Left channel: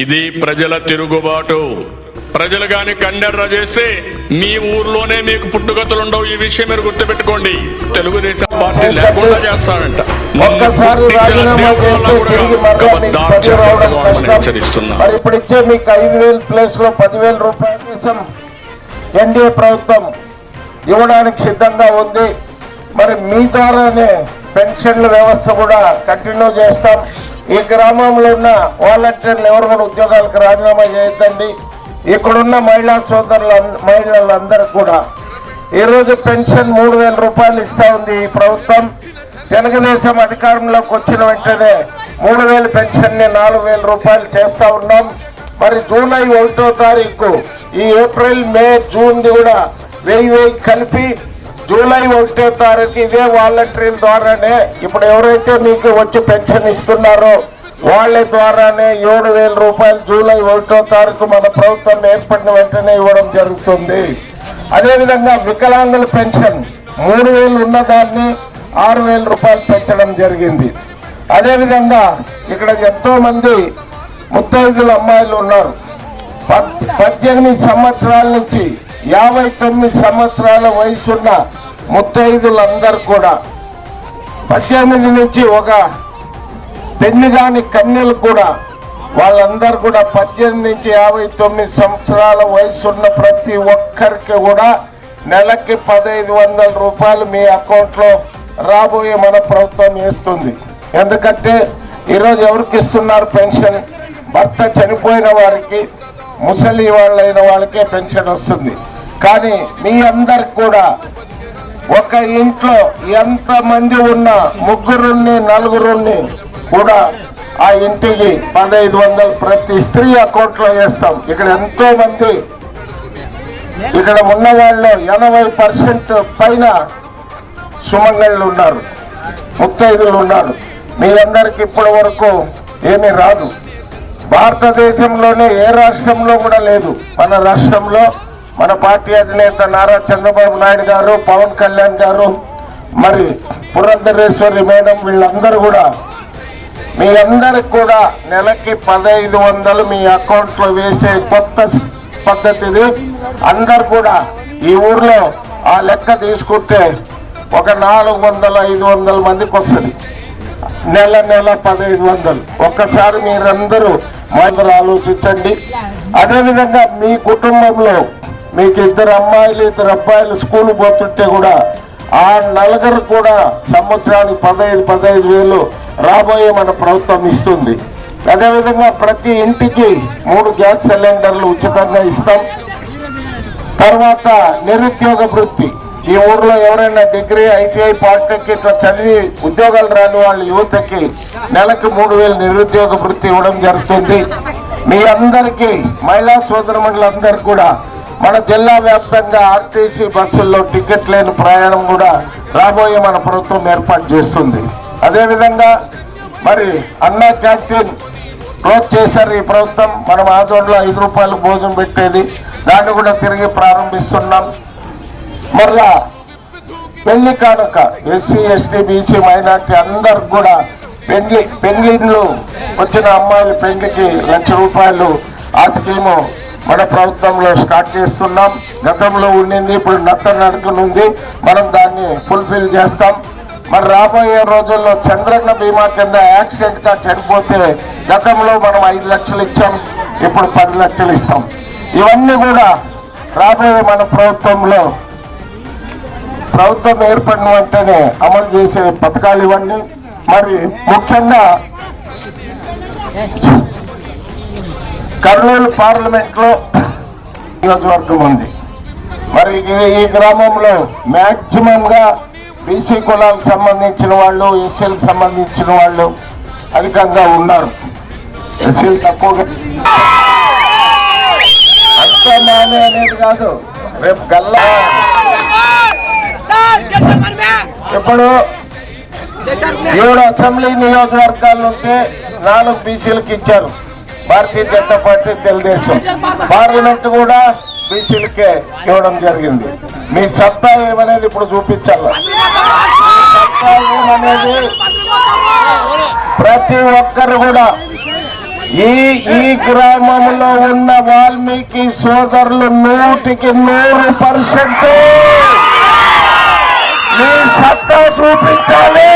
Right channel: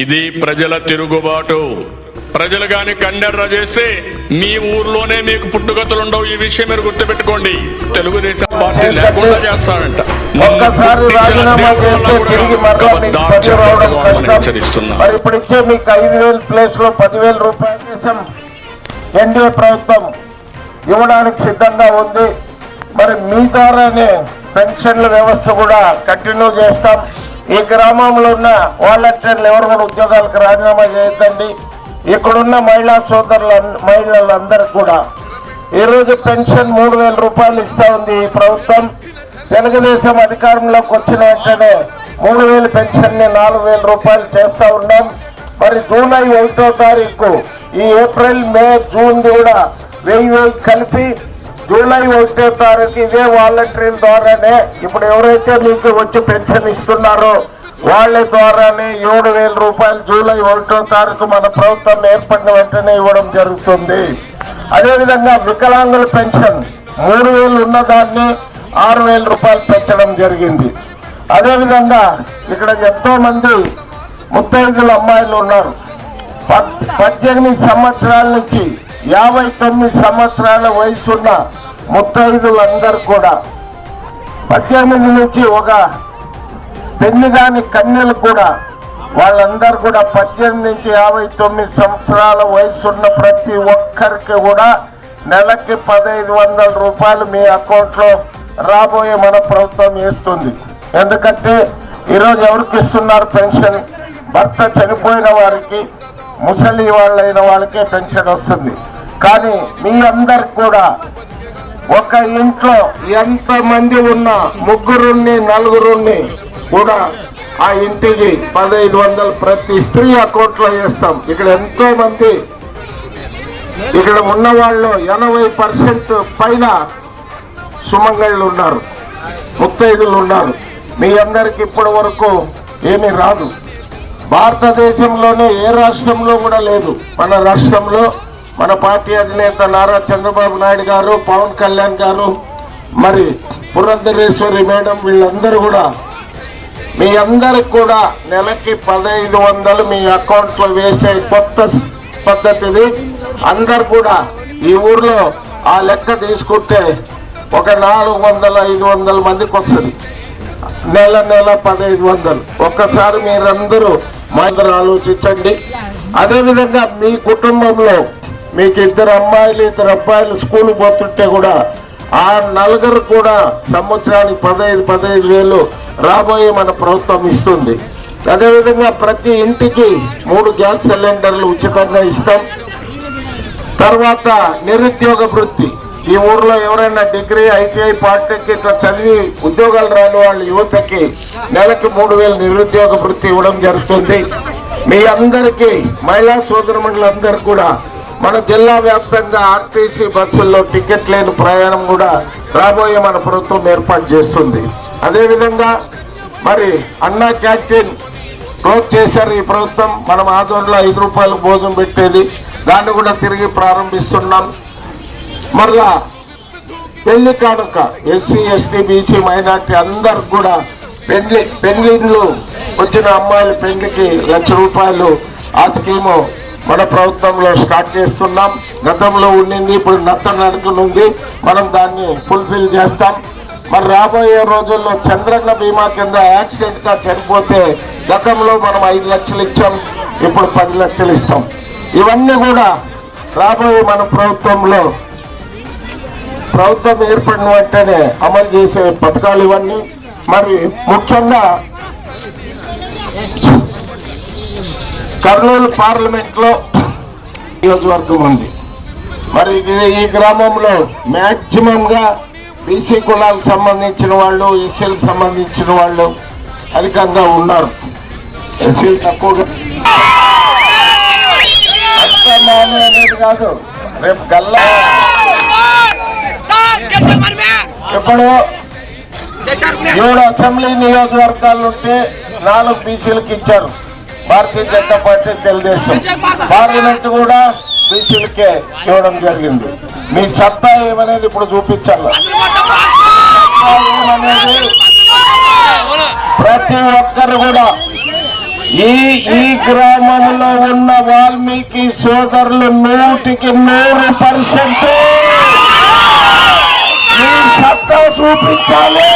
ఇది ప్రజల తిరుగుబాటు. ప్రజలు గాని కండెర్ర చేస్తే మీ ఊర్లోనే మీకు పుట్టుగతులుండవు. ఈ విషయం మీరు గుర్తుపెట్టుకోండి. తెలుగుదేశం పార్టీ లేకుండా చేస్తాడంట. హెచ్చరిస్తున్నా. ఇప్పుడు ఇచ్చే మీకు 5,000 ప్లేస్ లో 10,000 రూపాయల కోసం ఎన్డీఏ ప్రభుత్వం ఇవ్వడానికి సిద్ధంగా ఉంది. మరి మీ ద్వారానే పెన్షన్ల వ్యవస్థ కూడా కంటిన్యూ చేస్తాం. ఈ గ్రామంలో ఉన్న వాలంటీర్లు ఎవరు కూడా ఉద్యోగాలకు రాజీనామా చేయొద్దండి. ఇక్కడున్న మహిళలందరూ కూడా ఈరోజు పెన్షన్ 3,000 రూపాయలు ఇస్తా ఉంది ఈ ప్రభుత్వం. తెలుగుదేశం అధికారంలోకి వచ్చిన వెంటనే 3,000 పెన్షన్ ని 4,000 రూపాయలు చేస్తా ఉన్నాం. మరి జూలై 1వ తారీఖు ఈ ఏప్రిల్ మే జూన్ కూడా 1000 కలిపి జూలై 1వ తారీఖు ఇదే వాలంటీర్ల ద్వారానే ఇప్పుడు ఎవరైతే మీకు వచ్చి పెన్షన్ ఇస్తున్నారో వాళ్ళ ద్వారానే 7,000 రూపాయలు జూలై 1వ తారీఖు మన ప్రభుత్వం ఏర్పడిన వెంటనే ఇవ్వడం జరుగుతుంది. అదేవిధంగా వికలాంగుల పెన్షన్ 3,000 ఉన్నదాన్ని 6,000 రూపాయలు పెంచడం జరిగింది. అదేవిధంగా ఇక్కడ ఎంతో మంది ముత్తైదుల అమ్మాయిలు ఉన్నారు. 18 సంవత్సరాల నుంచి 59 సంవత్సరాల వయసున్న ముత్తైదులందరూ కూడా 18 నుంచి ఒక పెళ్లి కాని కన్యలు కూడా వాళ్ళందరూ కూడా 18 నుంచి 59 సంవత్సరాల వయసున్న ప్రతి ఒక్కరికి కూడా నెలకి 1,500 రూపాయలు మీ అకౌంట్లో రాబోయే మన ప్రభుత్వం వేస్తుంది. ఎందుకంటే ఈరోజు ఎవరికి ఇస్తున్నారు పెన్షన్? భర్త చనిపోయిన వారికి, ముసలి వాళ్ళైన వాళ్ళకే పెన్షన్ వస్తుంది. కానీ మీ అందరికి కూడా ఒక ఇంట్లో ఎంతమంది ఉన్నా 3 4 కూడా ఆ ఇంటికి 1,500 ప్రతి స్త్రీ అకౌంట్ లో వేస్తాం. ఇక్కడ ఎంతో మంది ఇక్కడ ఉన్న వాళ్ళు 80% పైన సుమంగళ్ళు ఉన్నారు, ముత్తైదులు ఉన్నారు. మీ అందరికి ఇప్పటి వరకు ఏమీ రాదు. భారతదేశంలోనే ఏ రాష్ట్రంలో కూడా లేదు. మన రాష్ట్రంలో మన పార్టీ అధినేత నారా చంద్రబాబు నాయుడు గారు, పవన్ కళ్యాణ్ గారు, మరి పురంధరేశ్వరి మేడం వీళ్ళందరూ కూడా మీ అందరికి కూడా నెలకి 1,500 మీ అకౌంట్ లో వేసే కొత్త పద్ధతిది. అందరు కూడా ఈ ఊర్లో ఆ లెక్క తీసుకుంటే ఒక 400-500 మందికి వస్తుంది. నెల 1,500. ఒక్కసారి మీరందరూ మాకు ఆలోచించండి. అదేవిధంగా మీ కుటుంబంలో మీకు 2 అమ్మాయిలు 2 అబ్బాయిలు స్కూల్ పోతుంటే కూడా ఆ నలుగురు కూడా సంవత్సరానికి 15,000 రాబోయే మన ప్రభుత్వం ఇస్తుంది. అదేవిధంగా ప్రతి ఇంటికి 3 గ్యాస్ సిలిండర్లు ఉచితంగా ఇస్తాం. తర్వాత నిరుద్యోగ వృత్తి. ఈ ఊర్లో ఎవరైనా డిగ్రీ, ఐటీఐ, పాలిటెక్నిక్ చదివి ఉద్యోగాలు రాని వాళ్ళు యువతకి నెలకు 3,000 నిరుద్యోగ వృత్తి ఇవ్వడం జరుగుతుంది. మీ అందరికీ మహిళా సోదరుమణులందరికీ కూడా మన జిల్లా వ్యాప్తంగా ఆర్టీసీ బస్సుల్లో టికెట్ లేని ప్రయాణం కూడా రాబోయే మన ప్రభుత్వం ఏర్పాటు చేస్తుంది. అదేవిధంగా మరి అన్నా క్యాంటీన్ క్లోజ్ చేశారు ఈ ప్రభుత్వం. మనం ఆధ్వర్యంలో 5 రూపాయలకు భోజనం పెట్టేది, దాన్ని కూడా తిరిగి ప్రారంభిస్తున్నాం. మరలా పెళ్లి కానుక ఎస్సీ, ఎస్టీ, బీసీ, మైనార్టీ అందరికి కూడా పెళ్లిళ్ళు వచ్చిన అమ్మాయిల పెళ్లికి 1,00,000 రూపాయలు ఆ స్కీము మన ప్రభుత్వంలో స్టార్ట్ చేస్తున్నాం. గతంలో ఉండింది, ఇప్పుడు నడకనుంది. మనం దాన్ని ఫుల్ఫిల్ చేస్తాం. మరి రాబోయే రోజుల్లో చంద్రన్న బీమా కింద యాక్సిడెంట్ గా చనిపోతే గతంలో మనం 5 లక్షలు ఇచ్చాం, ఇప్పుడు 10 లక్షలు ఇస్తాం. ఇవన్నీ కూడా రాబోయే మన ప్రభుత్వంలో ప్రభుత్వం ఏర్పడిన వెంటనే అమలు చేసే పథకాలు ఇవన్నీ. మరి ముఖ్యంగా కర్నూలు పార్లమెంట్ లో నియోజకవర్గం ఉంది. మరి ఈ గ్రామంలో మ్యాక్సిమం గా బీసీ కులాలకు సంబంధించిన వాళ్ళు, ఎస్సీలకు సంబంధించిన వాళ్ళు అధికంగా ఉన్నారు. ఎస్సీలు తక్కువగా. అంతా నానే అనేది కాదు, రేపు గల్లా ఇప్పుడు 7 అసెంబ్లీ నియోజకవర్గాలు ఉంటే 4 బీసీలకు ఇచ్చారు భారతీయ జనతా పార్టీ, తెలుగుదేశం. పార్లమెంట్ కూడా బీసీలకే ఇవ్వడం జరిగింది. మీ సత్తా ఏమనేది ఇప్పుడు చూపించాలి. సత్తా ఏమనేది ప్రతి ఒక్కరు కూడా ఈ గ్రామంలో ఉన్న వాల్మీకి సోదరులు 100% మీ సత్తా చూపించాలి.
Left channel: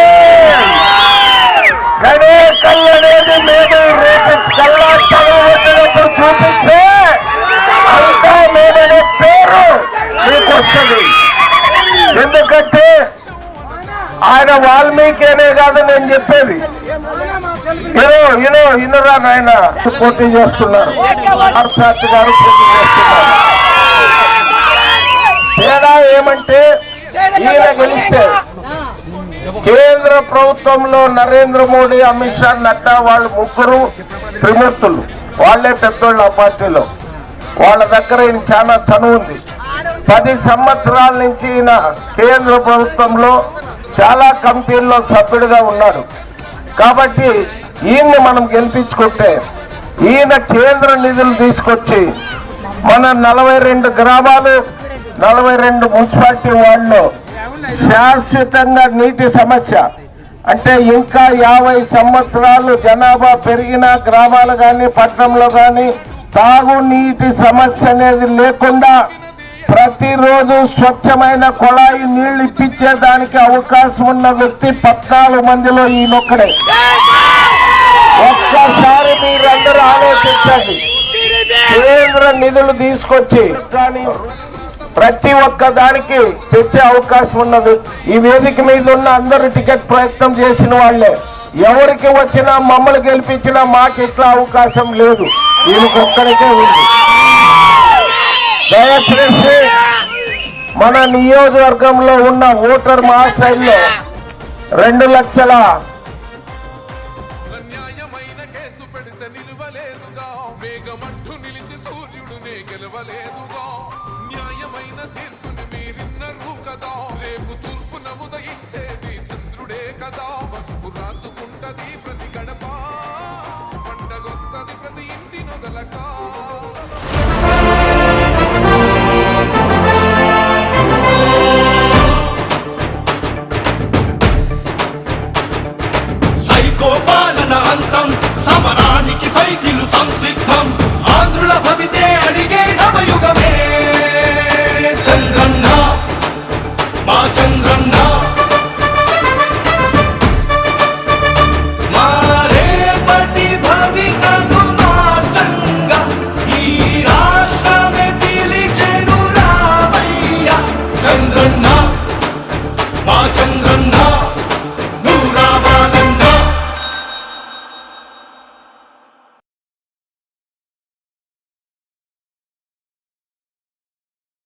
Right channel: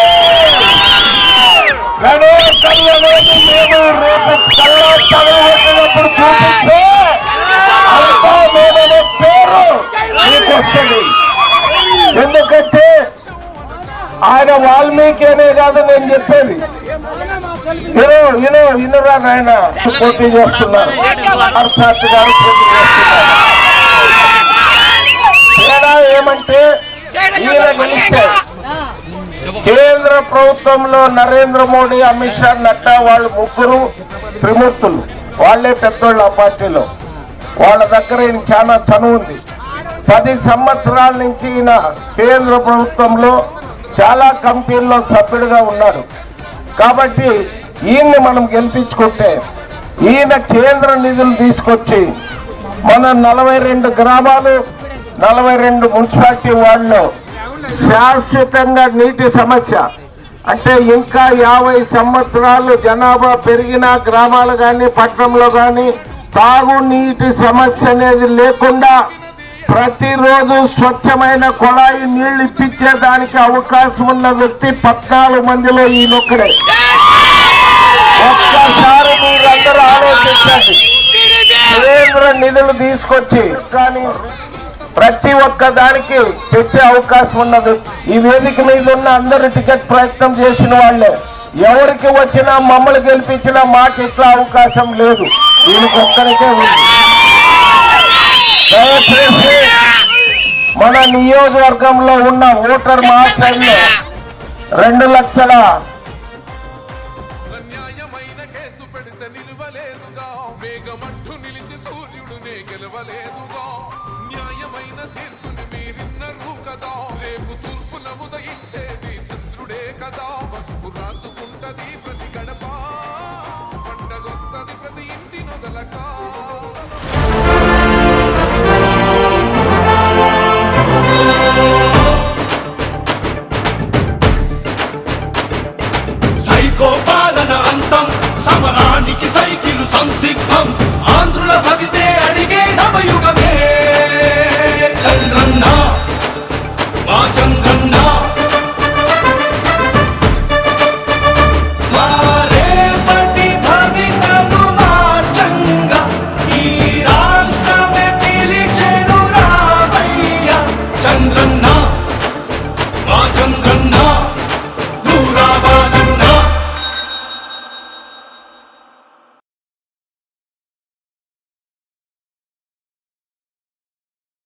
గణేకల్ అనేది మేము రేపు కళ్ళప్పుడు చూపిస్తే అంతా మేమనే పేరు మీకు వస్తుంది. ఎందుకంటే ఆయన వాల్మీకి అనే కాదు నేను చెప్పేది. ఇనురా నాయన పోటీ చేస్తున్నారు, పార్థసారథి గారు పోటీ చేస్తున్నారు. తేడా ఏమంటే ఈయన గెలిస్తే కేంద్ర ప్రభుత్వంలో నరేంద్ర మోడీ, అమిత్ షా, నడ్డా వాళ్ళు ముగ్గురు త్రిమూర్తులు. వాళ్లే పెద్దోళ్ళు ఆ పార్టీలో. వాళ్ళ దగ్గర ఈయన చాలా చనువు ఉంది. 10 సంవత్సరాల నుంచి ఈయన కేంద్ర ప్రభుత్వంలో చాలా కంపెనీల్లో సభ్యుడిగా ఉన్నాడు. కాబట్టి ఈయన్ని మనం గెలిపించుకుంటే ఈయన కేంద్ర నిధులు తీసుకొచ్చి మన 42 గ్రామాలు 42 మున్సిపాలిటీ వాళ్ళు శాశ్వతంగా నీటి సమస్య అంటే ఇంకా 50 సంవత్సరాలు జనాభా పెరిగిన గ్రామాలు కానీ పట్టణంలో కానీ తాగునీటి సమస్య అనేది లేకుండా ప్రతిరోజు స్వచ్ఛమైన కుళాయి నీళ్లు ఇప్పించేదానికి అవకాశం ఉన్న వ్యక్తి 14 మందిలో ఈయనొక్కడే. ఒక్కసారి మీరందరూ ఆలోచించండి. కేంద్ర నిధులు తీసుకొచ్చి కానీ ప్రతి ఒక్క దానికి తెచ్చే అవకాశం ఉన్నది. ఈ వేదిక మీద ఉన్న అందరు టికెట్ ప్రయత్నం చేసిన వాళ్ళే. ఎవరికి వచ్చినా మమ్మల్ని గెలిపించినా మాకు ఇట్లా అవకాశం లేదు, దీనికి ఒక్కరికే ఉంది. దయచేసి మన నియోజకవర్గంలో ఉన్న ఓటర్ మహాశైల్లో 2,00,000